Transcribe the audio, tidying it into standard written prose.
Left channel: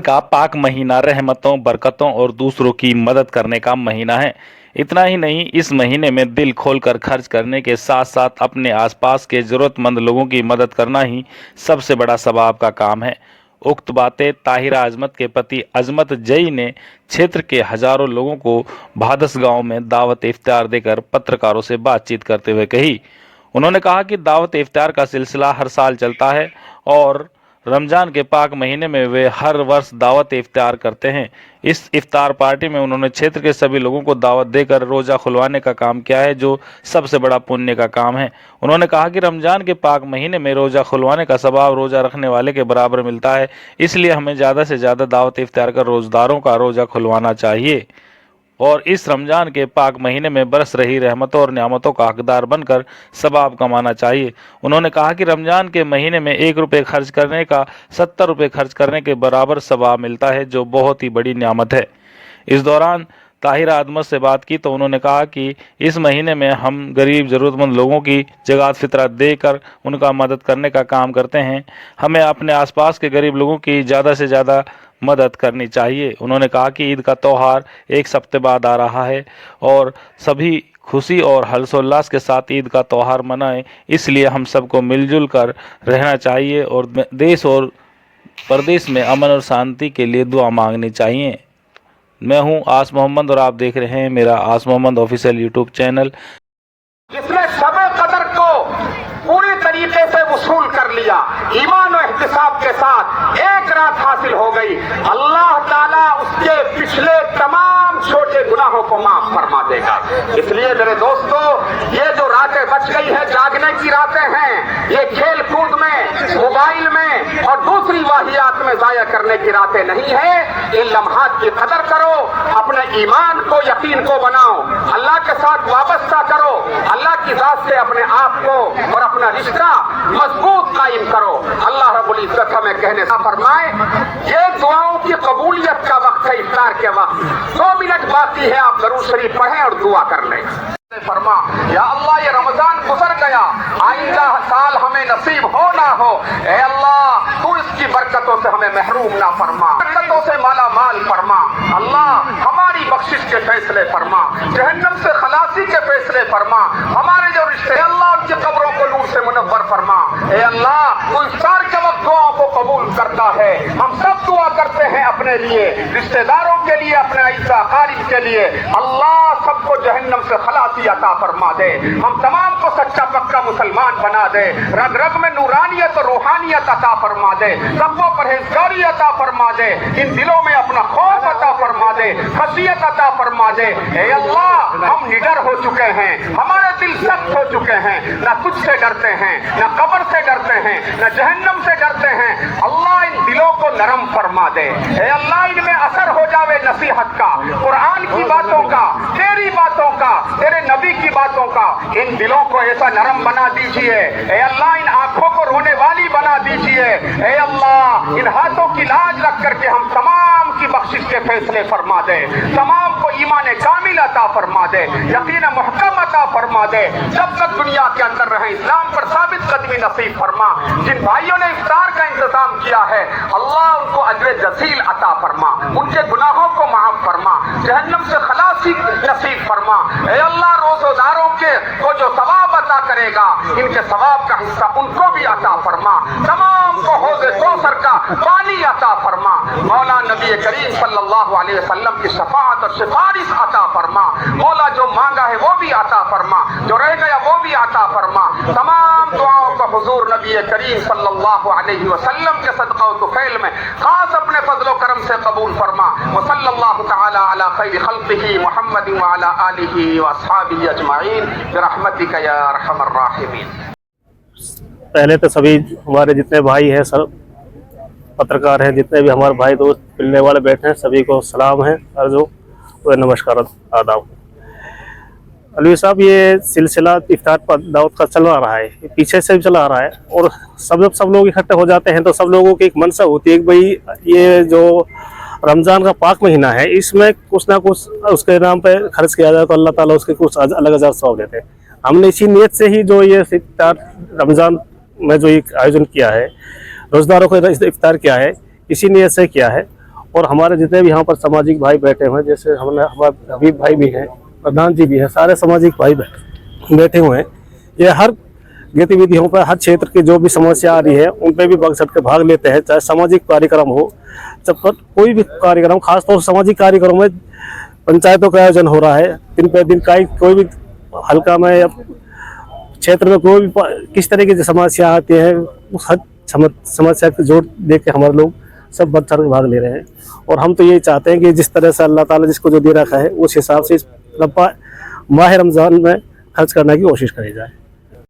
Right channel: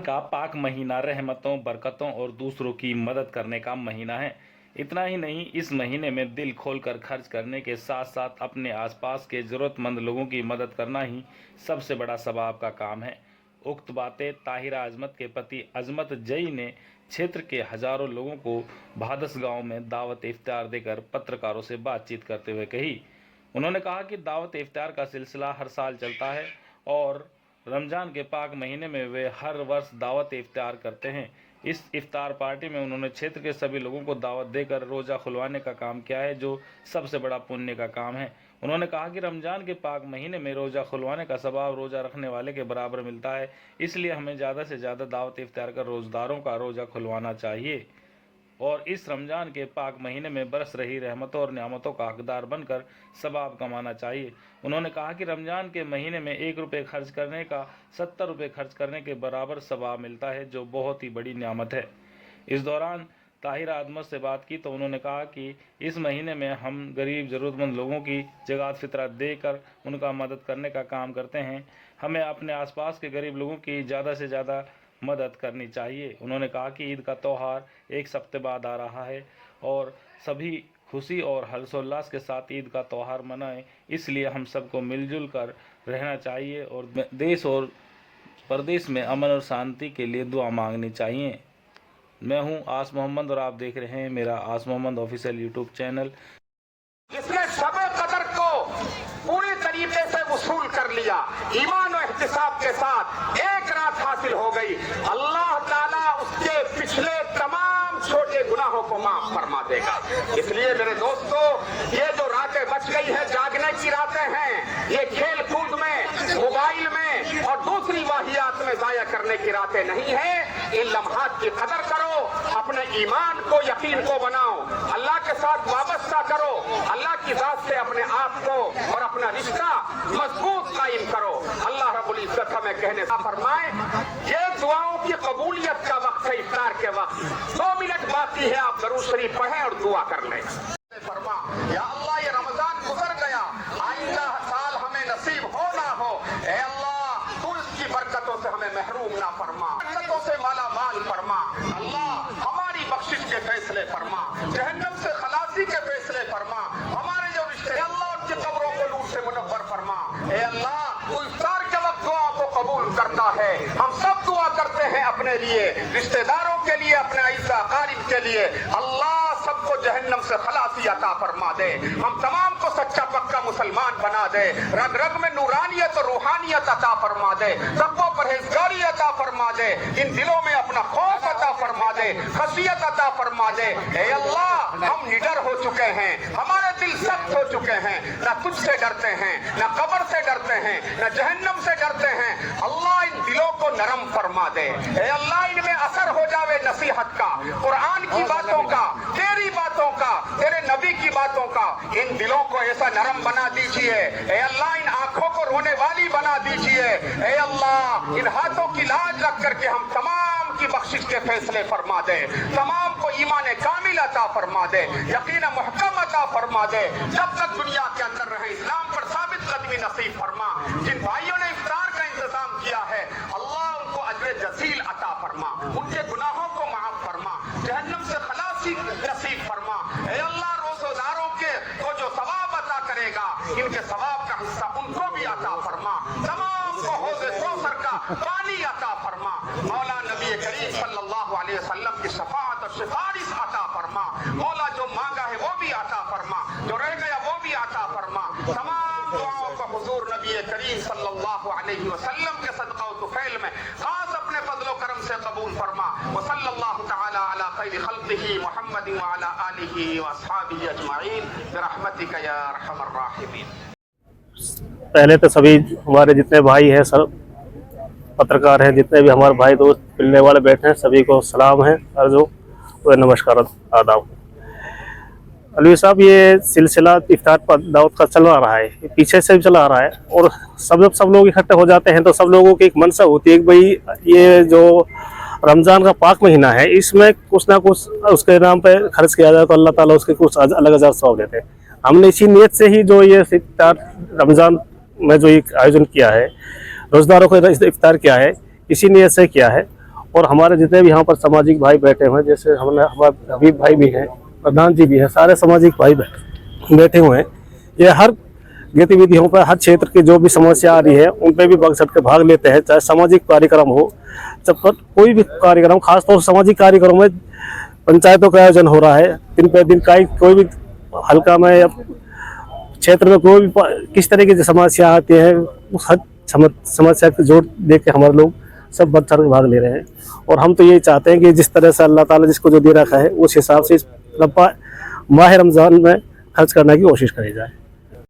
का पाक महीना रहमतों, बरकतों और दूसरों की मदद करने का महीना है। इतना ही नहीं, इस महीने में दिल खोलकर खर्च करने के साथ साथ अपने आसपास के ज़रूरतमंद लोगों की मदद करना ही सबसे बड़ा सवाब का काम है। उक्त बातें ताहिरा अजमत के पति अजमत जई ने क्षेत्र के हजारों लोगों को भादस गांव में दावत इफ्तार देकर पत्रकारों से बातचीत करते हुए कही। उन्होंने कहा कि दावत इफ्तार का सिलसिला हर साल चलता है और रमज़ान के पाक महीने में वे हर वर्ष दावत इफ्तार करते हैं। इस इफ्तार पार्टी में उन्होंने क्षेत्र के सभी लोगों को दावत देकर रोज़ा खुलवाने का काम किया है, जो सबसे बड़ा पुण्य का काम है। उन्होंने कहा कि रमज़ान के पाक महीने में रोज़ा खुलवाने का सवाब रोज़ा रखने वाले के बराबर मिलता है, इसलिए हमें ज़्यादा से ज़्यादा दावत इफ्तार कर रोज़दारों का रोज़ा खुलवाना चाहिए और इस रमज़ान के पाक महीने में बरस रही रहमतों और नियामतों का हकदार बनकर सवाब कमाना चाहिए। उन्होंने कहा कि रमज़ान के महीने में 1 रुपये खर्च करने का 70 रुपये खर्च करने के बराबर सवाब मिलता है, जो बहुत ही बड़ी नियामत है। इस दौरान ताहिरा अदमत से बात की तो उन्होंने कहा कि इस महीने में हम गरीब ज़रूरतमंद लोगों की ज़कात फितरा देकर उनका मदद करने का काम करते हैं। हमें अपने आसपास के गरीब लोगों की ज़्यादा से ज़्यादा मदद करनी चाहिए। उन्होंने कहा कि ईद का त्यौहार एक हफ्ते बाद आ रहा है और सभी खुशी और हर्षोल्लास के साथ ईद का त्यौहार मनाएं, इसलिए हम सबको मिलजुल कर रहना चाहिए और देश और प्रदेश में अमन और शांति के लिए दुआ मांगनी चाहिए। मैं हूं आस मोहम्मद और आप देख रहे हैं मेरा आस मोहम्मद ऑफिशियल यूट्यूब चैनल। जिसने शब कदर को पूरी तरीके से वसूल कर लिया, ईमान और एहतिसाब के साथ एक रात हासिल हो गई, अल्लाह ताला उसके पिछले तमाम छोटे गुनाहों को माफ फरमा देगा। इसलिए मेरे दोस्तों, ये जो रातें बच गई है जागने की रातें हैं, ये खेल कूद में, मोबाइल में और दूसरी वाहियात में जाया करने की रातें नहीं है। इन लम्हात की कदर करो, अपने ईमान को, यकीन को बनाओ, अल्लाह के साथ वाबस्ता करो, अल्लाह की जात से अपने आप को और अपना रिश्ता मजबूत कायम करो। अल्लाह रब्बुल इज्जत हमें कहने ना फरमाए। ये दुआओं की कबूलियत का वक्त है, इफ्तार के वक्त 2 मिनट बाकी है, आप दरूद शरीफ पढ़ें और दुआ कर लें। फरमा, या अल्लाह ये रमजान गुजर गया, आइंदा साल हमें नसीब हो ना हो, ए अल्लाह तू इसकी बरकतों से हमें महरूम ना फरमा, बरकतों से माला माल फरमा। अल्लाह हमारी बख्शिश के फैसले फरमा, जहन्नम से खलासी के फैसले फरमा, हमारे जो रिश्ते अल्लाह उनकी कब्रों को नूर से मुनव्वर फरमा। ए अल्लाह तू इफ्तार के वक्त दुआओं को कबूल करता है। हम सब दुआ करते हैं अपने लिए, रिश्तेदारों के लिए, अपने अईज़ा अकारिब के लिए। अल्लाह सबको जहन्नम से खलासी अता फरमा दे, हम तमाम को सच्चा पक्का मुसलमान बना दे, रग रग में नूरानियत और रूहानियत अता फरमा दे, सबको परहेजगारी अता फरमा दे, इन दिलों में अपना खौफ अता फरमा दे, खशियत अता फरमा दे। ए अल्लाह हम निडर हो चुके हैं, हमारे दिल सख्त हो चुके हैं, ना तुझसे डरते हैं, ना कब्र से डरते हैं, ना जहन्नम से डरते हैं। अल्लाह इन दिलों को नरम फरमा दे। ए अल्लाह इनमें असर हो जावे नसीहत का, कुरान की बातों का, तेरी बातों का, तेरे नबी की बातों का। इन दिलों को ऐसा नरम बना दीजिए। ए अल्लाह इन आंखों को रोने वाली बना दीजिए। ए अल्लाह इन हाथों की लाज रख करके हम तमाम की बख्शिश के फैसले फरमा दे, तमाम को ईमान कामिल अता फरमा दे, यकीन मुहकम अता फरमा दे। जब तक दुनिया के अंदर रहे इस्लाम पर साबित कदमी नसीब फरमा। जिन भाइयों ने इफ्तार का इंतजाम किया है, अल्लाह उनको अजर जसील अता फरमा, उनके गुनाहों को माफ फरमा, जहन्नम से खलासी नसीब फरमा। ए अल्लाह रोज़ेदारों के को जो सवाब अता करेगा, इनके सवाब का हिस्सा उनको भी अता फरमा, तमाम को हौज़े कौसर का पानी अता फरमा। मौला नबी करीम सल्लल्लाहु अलैहि वसल्लम की शफाअत और सिफारिश अता फरमा। मौला जो मांगा है वो भी अता फरमा, जो रह गया वो भी अता फरमा। तमाम दुआओं को हुजूर नबी करीम सल्लल्लाहु अलैहि वसल्लम के सदका व तुफैल में खास अपने फजल व करम से कबूल फरमा। व सल्लल्लाहु तआला अला खैरि खल्क़िही मुहम्मद व अला आलिही व अस्हाबिही अजमाइन बिरहमतिका या अरहमर राहिमीन। पहले तो सभी हमारे जितने भाई हैं, सब पत्रकार हैं, जितने भी हमारे भाई दोस्त मिलने वाले बैठे हैं, सभी को सलाम है, अर्ज़ो व नमस्कार आदाब। अलवी साहब, ये सिलसिला इफ्तार पर दावत का चल रहा है, पीछे से भी चला आ रहा है और सब लोग इकट्ठे हो जाते हैं तो सब लोगों की एक मनसा होती है कि भाई ये जो रमज़ान का पाक महीना है, इसमें कुछ ना कुछ उसके नाम पे खर्च किया जाए तो अल्लाह ताला उसके कुछ अलग अजर सवाब देते हैं। हमने इसी नीयत से ही जो ये इफ्तार रमज़ान में जो एक आयोजन किया है, रोज़दारों को इफ्तार किया है, इसी नीयत से किया है। और हमारे जितने भी यहाँ पर सामाजिक भाई बैठे हुए हैं, जैसे हमारे हबीब भाई भी हैं, प्रधान जी भी हैं, सारे सामाजिक भाई बैठे हुए हैं। ये हर गतिविधियों पर, हर क्षेत्र की जो भी समस्या आ रही है उन पे भी बढ़ चढ़ के भाग लेते हैं, चाहे सामाजिक कार्यक्रम हो, जब पर कोई भी कार्यक्रम, खासतौर से सामाजिक कार्यक्रम में पंचायतों का आयोजन हो रहा है, दिन पे दिन का कोई भी हल्का में या क्षेत्र में कोई भी किस तरीके की समस्या आती है, उस हर समस्या को जोड़ देख के हमारे लोग सब बढ़ चढ़ के भाग ले रहे हैं। और हम तो यही चाहते हैं कि जिस तरह से अल्लाह ताला जिसको जो दे रखा है उस हिसाब से माह रमज़ान में खर्च करने की कोशिश करी जाए।